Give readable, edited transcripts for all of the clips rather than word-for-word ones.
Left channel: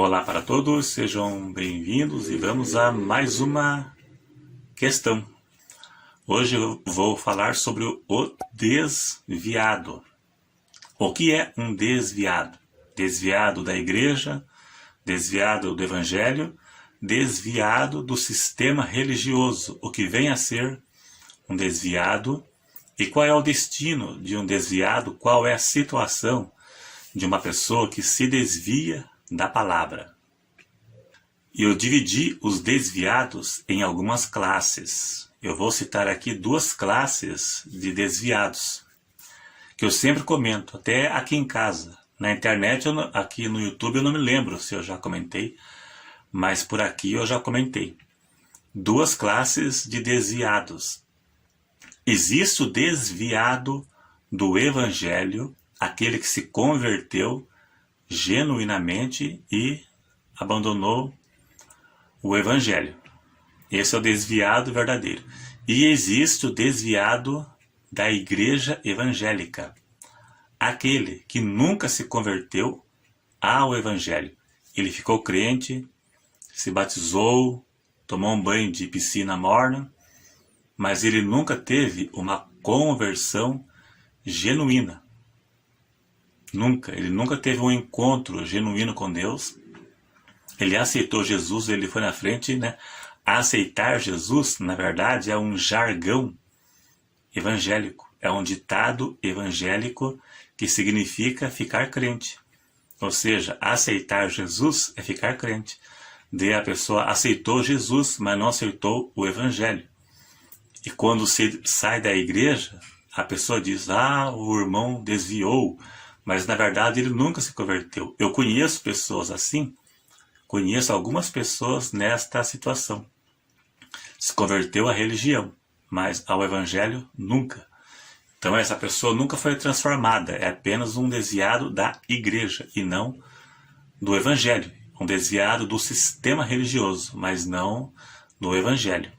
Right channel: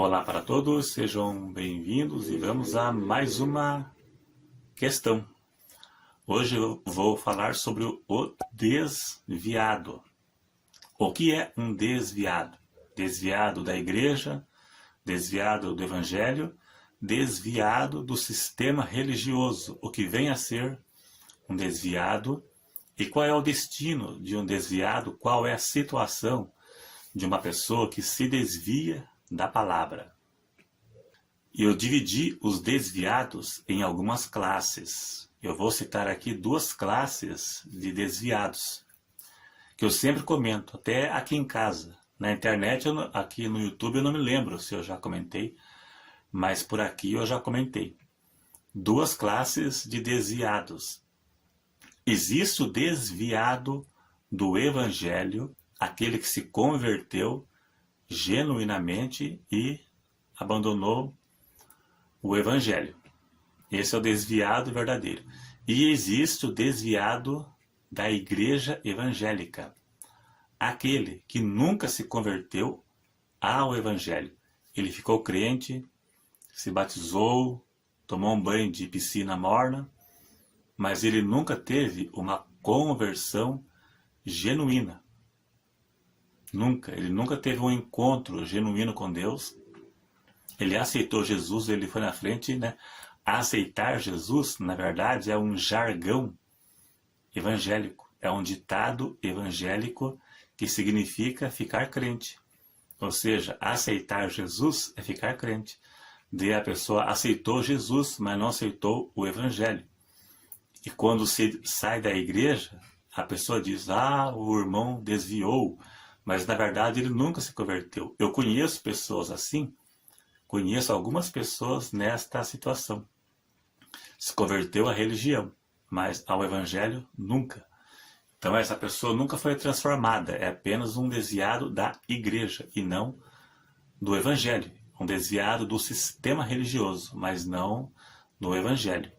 Olá para todos, sejam bem-vindos e vamos a mais uma questão. Hoje eu vou falar sobre o desviado. O que é um desviado? Desviado da igreja, desviado do evangelho, desviado do sistema religioso. O que vem a ser um desviado e qual é o destino de um desviado, qual é a situação de uma pessoa que se desvia da palavra. Eu dividi os desviados em algumas classes. Eu vou citar aqui duas classes de desviados, que eu sempre comento, até aqui em casa. Na internet, aqui no YouTube, eu não me lembro se eu já comentei, mas por aqui eu já comentei. Duas classes de desviados. Existe o desviado do evangelho, aquele que se converteu genuinamente e abandonou o evangelho. Esse é o desviado verdadeiro. E existe o desviado da igreja evangélica, aquele que nunca se converteu ao evangelho. Ele ficou crente, se batizou, tomou um banho de piscina morna, mas ele nunca teve uma conversão genuína. Ele nunca teve um encontro genuíno com Deus. Ele aceitou Jesus, ele foi na frente, né? Aceitar Jesus, na verdade, é um jargão evangélico. É um ditado evangélico que significa ficar crente. Ou seja, aceitar Jesus é ficar crente. Daí a pessoa aceitou Jesus, mas não aceitou o evangelho. E quando se sai da igreja, a pessoa diz, o irmão desviou, mas na verdade ele nunca se converteu. Eu conheço pessoas assim, conheço algumas pessoas nesta situação. Se converteu à religião, mas ao evangelho nunca. Então essa pessoa nunca foi transformada, é apenas um desviado da igreja e não do evangelho. Um desviado do sistema religioso, mas não do evangelho,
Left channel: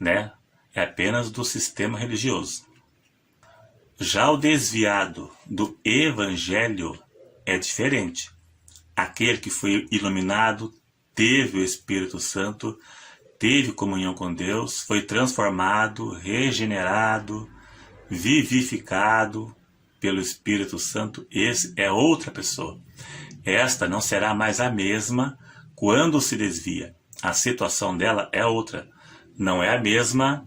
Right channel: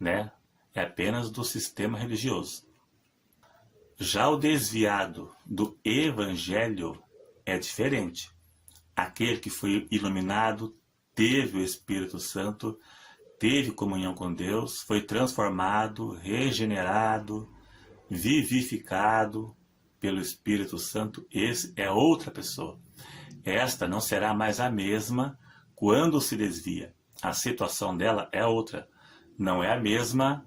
né? É apenas do sistema religioso. Já o desviado do evangelho é diferente. Aquele que foi iluminado, teve o Espírito Santo, teve comunhão com Deus, foi transformado, regenerado, vivificado pelo Espírito Santo. Esse é outra pessoa. Esta não será mais a mesma quando se desvia. A situação dela é outra. Não é a mesma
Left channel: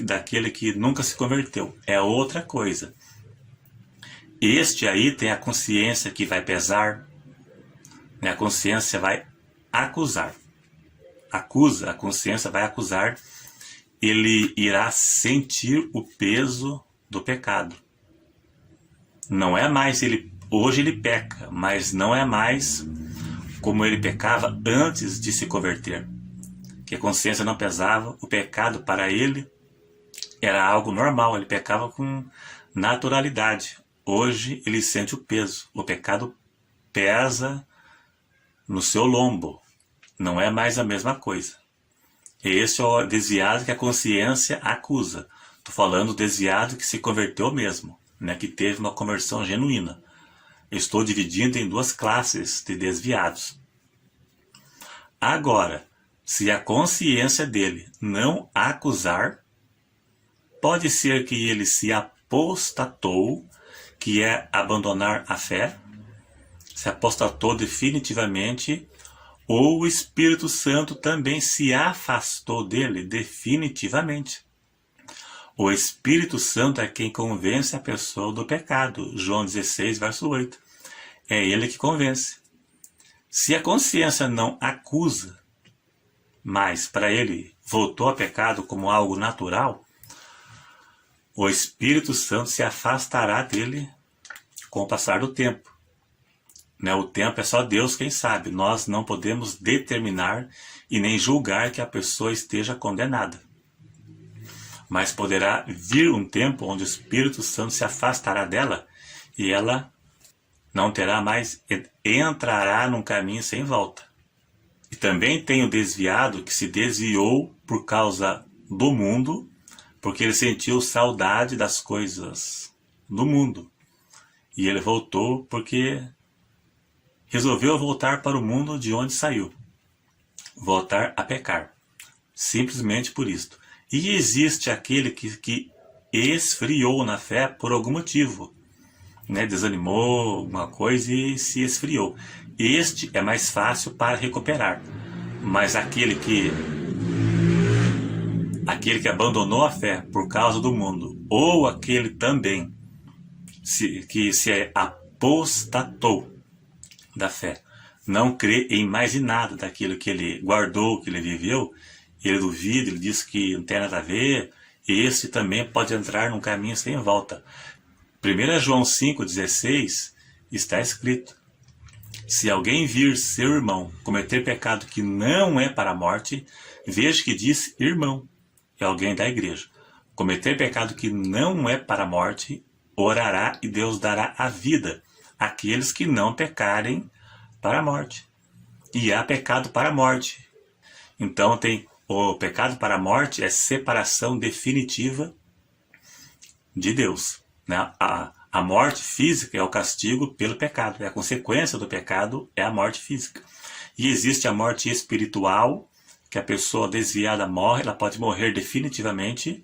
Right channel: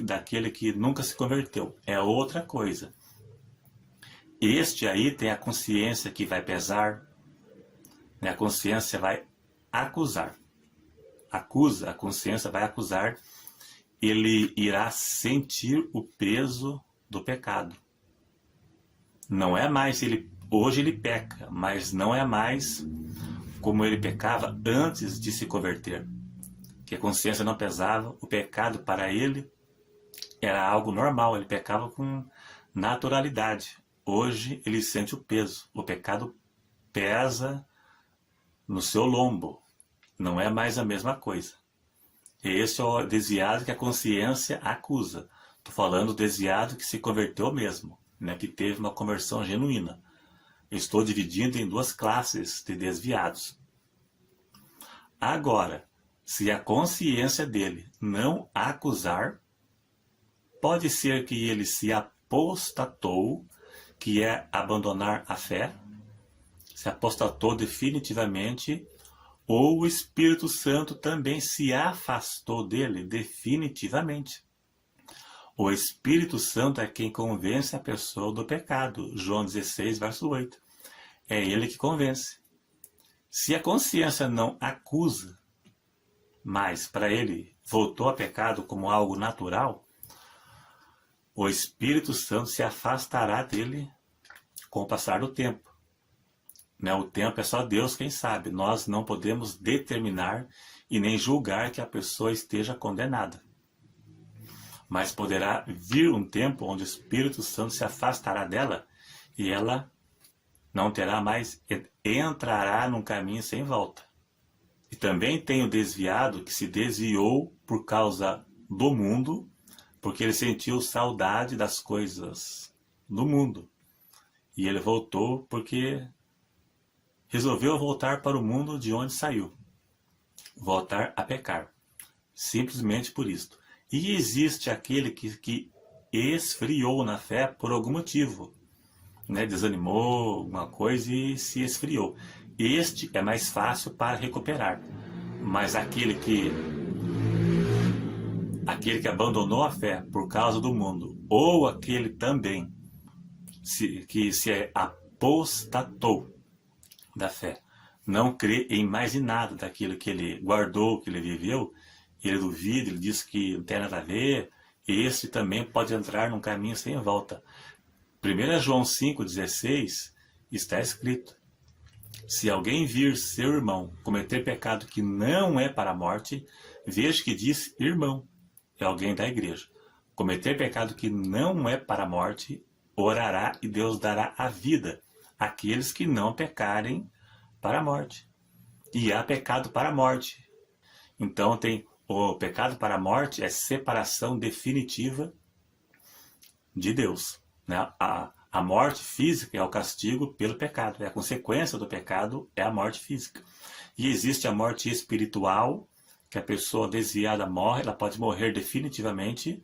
daquele que nunca se converteu. É outra coisa. Este aí tem a consciência que vai pesar, né? A consciência vai acusar. A consciência vai acusar. Ele irá sentir o peso do pecado. Não é mais hoje ele peca, mas não é mais como ele pecava antes de se converter. Que a consciência não pesava, o pecado para ele era algo normal, ele pecava com naturalidade. Hoje ele sente o peso, o pecado pesa no seu lombo, não é mais a mesma coisa. Esse é o desviado que a consciência acusa. Estou falando do desviado que se converteu mesmo, né, que teve uma conversão genuína. Estou dividindo em duas classes de desviados. Agora, se a consciência dele não acusar, pode ser que ele se apostatou, que é abandonar a fé, se apostatou definitivamente, ou o Espírito Santo também se afastou dele definitivamente. O Espírito Santo é quem convence a pessoa do pecado. João 16, verso 8. É ele que convence. Se a consciência não acusa, mas para ele voltou a pecado como algo natural, o Espírito Santo se afastará dele com o passar do tempo. Né? O tempo é só Deus quem sabe. Nós não podemos determinar e nem julgar que a pessoa esteja condenada. Mas poderá vir um tempo onde o Espírito Santo se afastará dela e ela não terá mais, entrará num caminho sem volta. E também tem o desviado que se desviou por causa do mundo, porque ele sentiu saudade das coisas do mundo. E ele voltou porque resolveu voltar para o mundo de onde saiu. Voltar a pecar. Simplesmente por isto. E existe aquele que esfriou na fé por algum motivo, né? Desanimou alguma coisa e se esfriou. Este é mais fácil para recuperar. Mas aquele que abandonou a fé por causa do mundo, ou aquele também que se apostatou da fé, não crê em mais em nada daquilo que ele guardou, que ele viveu, ele duvida, ele diz que não tem nada a ver, esse também pode entrar num caminho sem volta. 1 João 5,16 está escrito: se alguém vir seu irmão cometer pecado que não é para a morte, veja que diz irmão, é alguém da igreja. Cometer pecado que não é para a morte, orará e Deus dará a vida àqueles que não pecarem para a morte. E há pecado para a morte. Então tem o pecado para a morte, é separação definitiva de Deus, né? A morte física é o castigo pelo pecado, a consequência do pecado é a morte física. E existe a morte espiritual, que a pessoa desviada morre, ela pode morrer definitivamente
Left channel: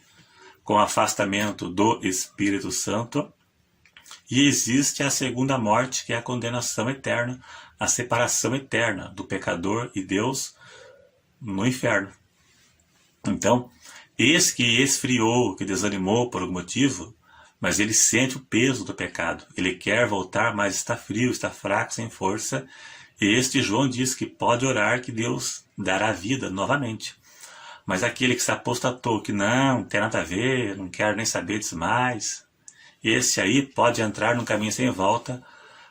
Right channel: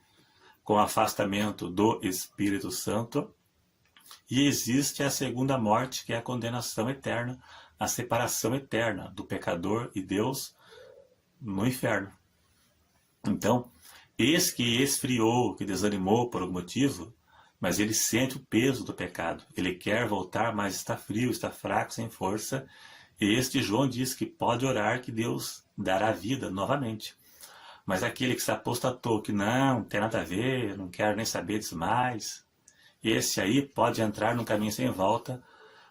com afastamento do Espírito Santo. E existe a segunda morte, que é a condenação eterna, a separação eterna do pecador e Deus no inferno. Então, esse que esfriou, que desanimou por algum motivo, mas ele sente o peso do pecado. Ele quer voltar, mas está frio, está fraco, sem força. E este João diz que pode orar que Deus dará vida novamente. Mas aquele que se apostatou, que não tem nada a ver, não quer nem saber disso mais, esse aí pode entrar num caminho sem volta,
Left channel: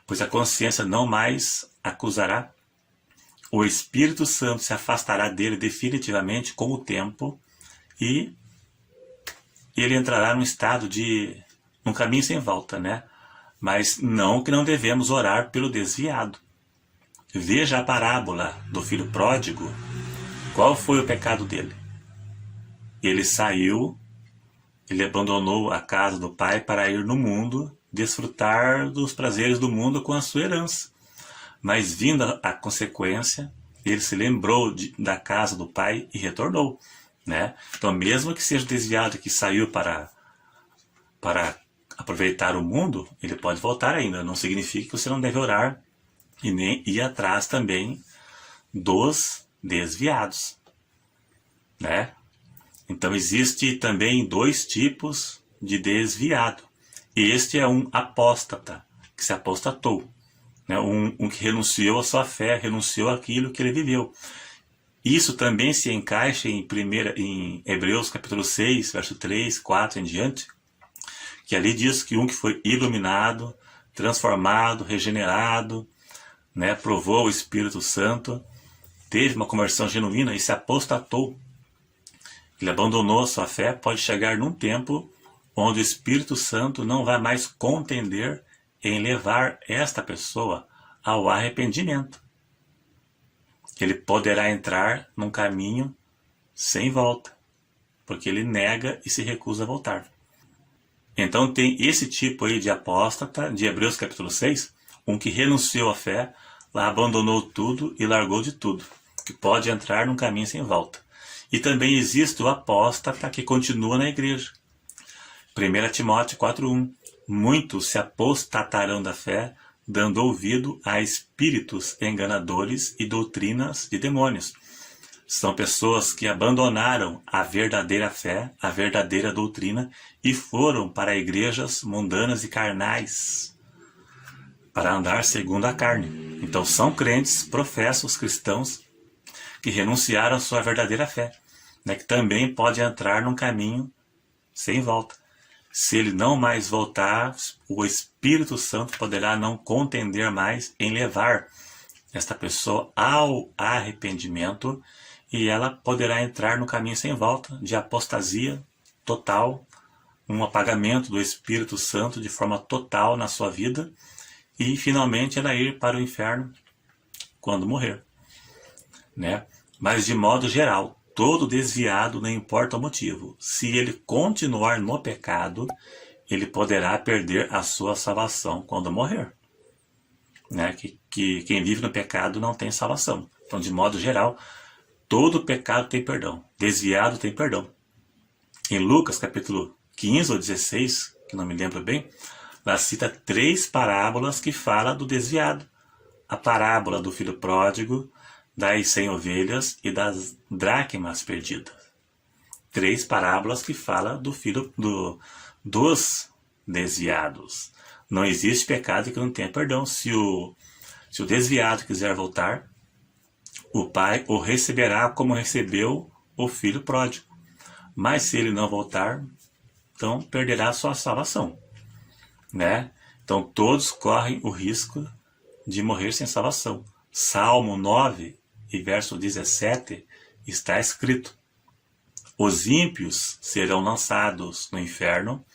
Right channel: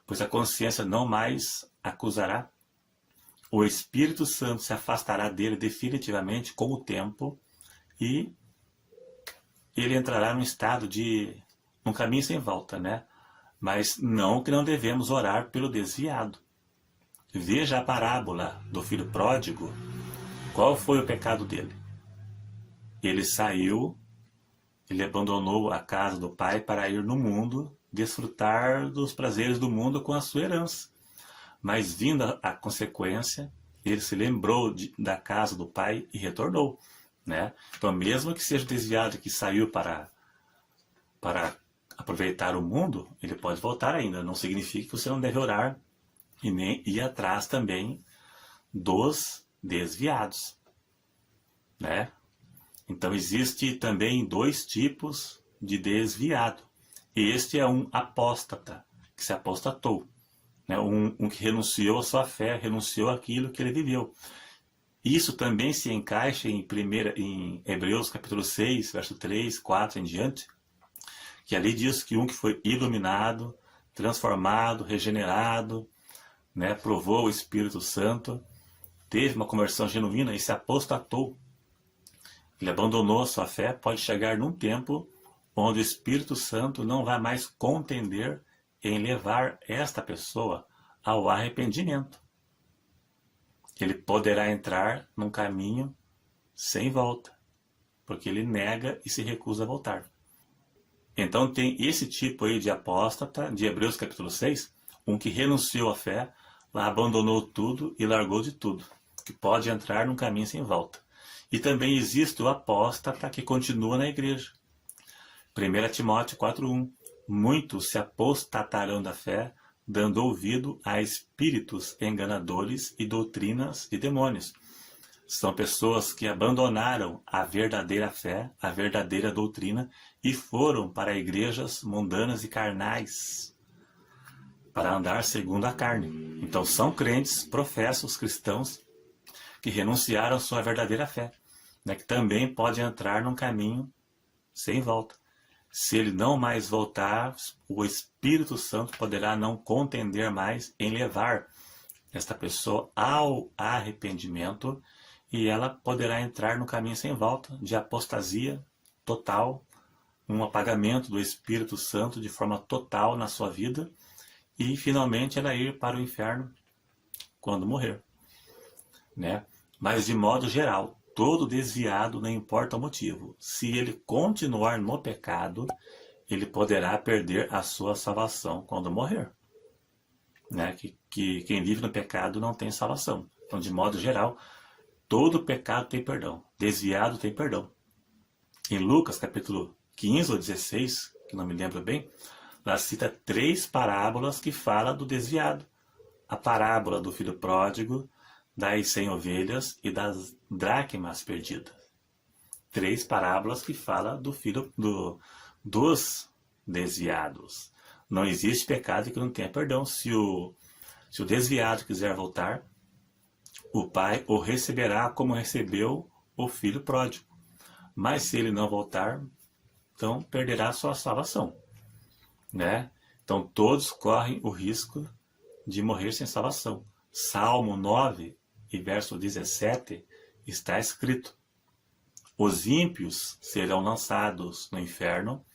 pois a consciência não mais acusará. O Espírito Santo se afastará dele definitivamente com o tempo e ele entrará num estado num caminho sem volta, né? Mas não que não devemos orar pelo desviado. Veja a parábola do filho pródigo. Qual foi o pecado dele? Ele saiu, ele abandonou a casa do pai para ir no mundo, desfrutar dos prazeres do mundo com a sua herança. Mas vindo a consequência, ele se lembrou da casa do pai e retornou, né? Então, mesmo que seja desviado, que saiu para aproveitar o mundo, ele pode voltar ainda. Não significa que você não deve orar e nem ir atrás também dos desviados, né? Então, existe também dois tipos de desviado. Este é um apóstata, que se apostatou. Um que renunciou à sua fé, renunciou àquilo que ele viveu. Isso também se encaixa em Hebreus capítulo 6, verso 3, 4 em diante, que ali diz que um que foi iluminado, transformado, regenerado, né, provou o Espírito Santo, teve uma conversão genuína e se apostatou. Ele abandonou a sua fé, pode chegar num tempo onde o Espírito Santo não vai mais contender em levar esta pessoa ao arrependimento. Ele poderá entrar num caminho sem volta, porque ele nega e se recusa a voltar. Então tem esse tipo aí de apóstata, de Hebreus capítulo 6, um que renunciou à fé, lá abandonou tudo e largou de tudo, que pode entrar num caminho sem volta. E também existe o apóstata que continua na igreja. 1 Timóteo 4,1. Muitos se apostatarão da fé, dando ouvido a espíritos enganadores e doutrinas de demônios. São pessoas que abandonaram a verdadeira fé, a verdadeira doutrina, e foram para igrejas mundanas e carnais, para andar segundo a carne. Então são crentes, professos cristãos, que renunciaram à sua verdadeira fé, né, que também pode entrar num caminho sem volta. Se ele não mais voltar, o Espírito Santo poderá não contender mais em levar esta pessoa ao arrependimento e ela poderá entrar no caminho sem volta de apostasia total, um apagamento do Espírito Santo de forma total na sua vida e finalmente ela ir para o inferno quando morrer, né? Mas de modo geral, todo desviado, não importa o motivo, se ele continuar no pecado, ele poderá perder a sua salvação quando morrer. né? Que quem vive no pecado não tem salvação. Então, de modo geral, todo pecado tem perdão. Desviado tem perdão. Em Lucas, capítulo 15 ou 16, que não me lembro bem, lá cita 3 parábolas que falam do desviado. A parábola do filho pródigo, das 100 ovelhas e das dracmas perdidas. 3 parábolas que falam dos desviados. Não existe pecado que não tenha perdão. Se o desviado quiser voltar, o pai o receberá como recebeu o filho pródigo. Mas se ele não voltar, então perderá a sua salvação, né? Então todos correm o risco de morrer sem salvação. Salmo 9 e verso 17 está escrito: os ímpios serão lançados no inferno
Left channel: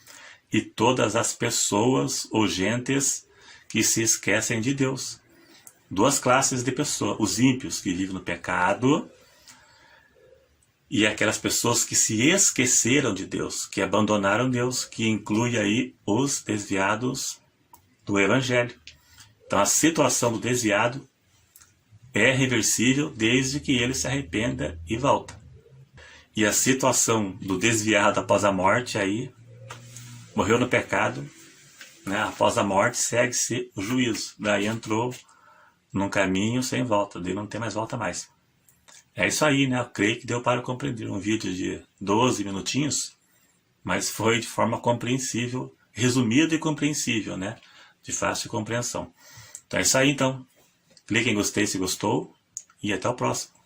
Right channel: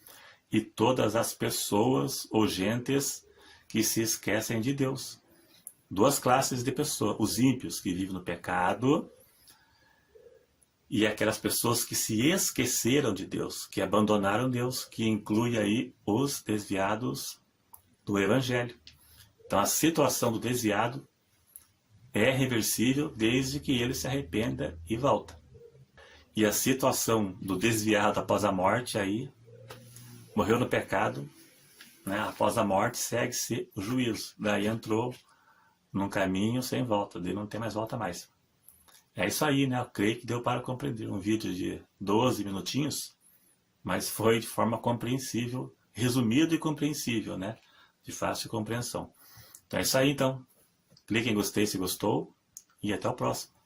e todas as pessoas ou gentes que se esquecem de Deus. 2 classes de pessoas: os ímpios que vivem no pecado e aquelas pessoas que se esqueceram de Deus, que abandonaram Deus, que inclui aí os desviados do Evangelho. Então a situação do desviado é reversível desde que ele se arrependa e volta. E a situação do desviado após a morte, aí morreu no pecado, né? Após a morte segue-se o juízo. Daí entrou num caminho sem volta, daí não tem mais volta mais. É isso aí, né? Eu creio que deu para compreender. Um vídeo de 12 minutinhos, mas foi de forma compreensível, resumido e compreensível, né? De fácil compreensão. Então é isso aí, então. Clique em gostei se gostou e até o próximo.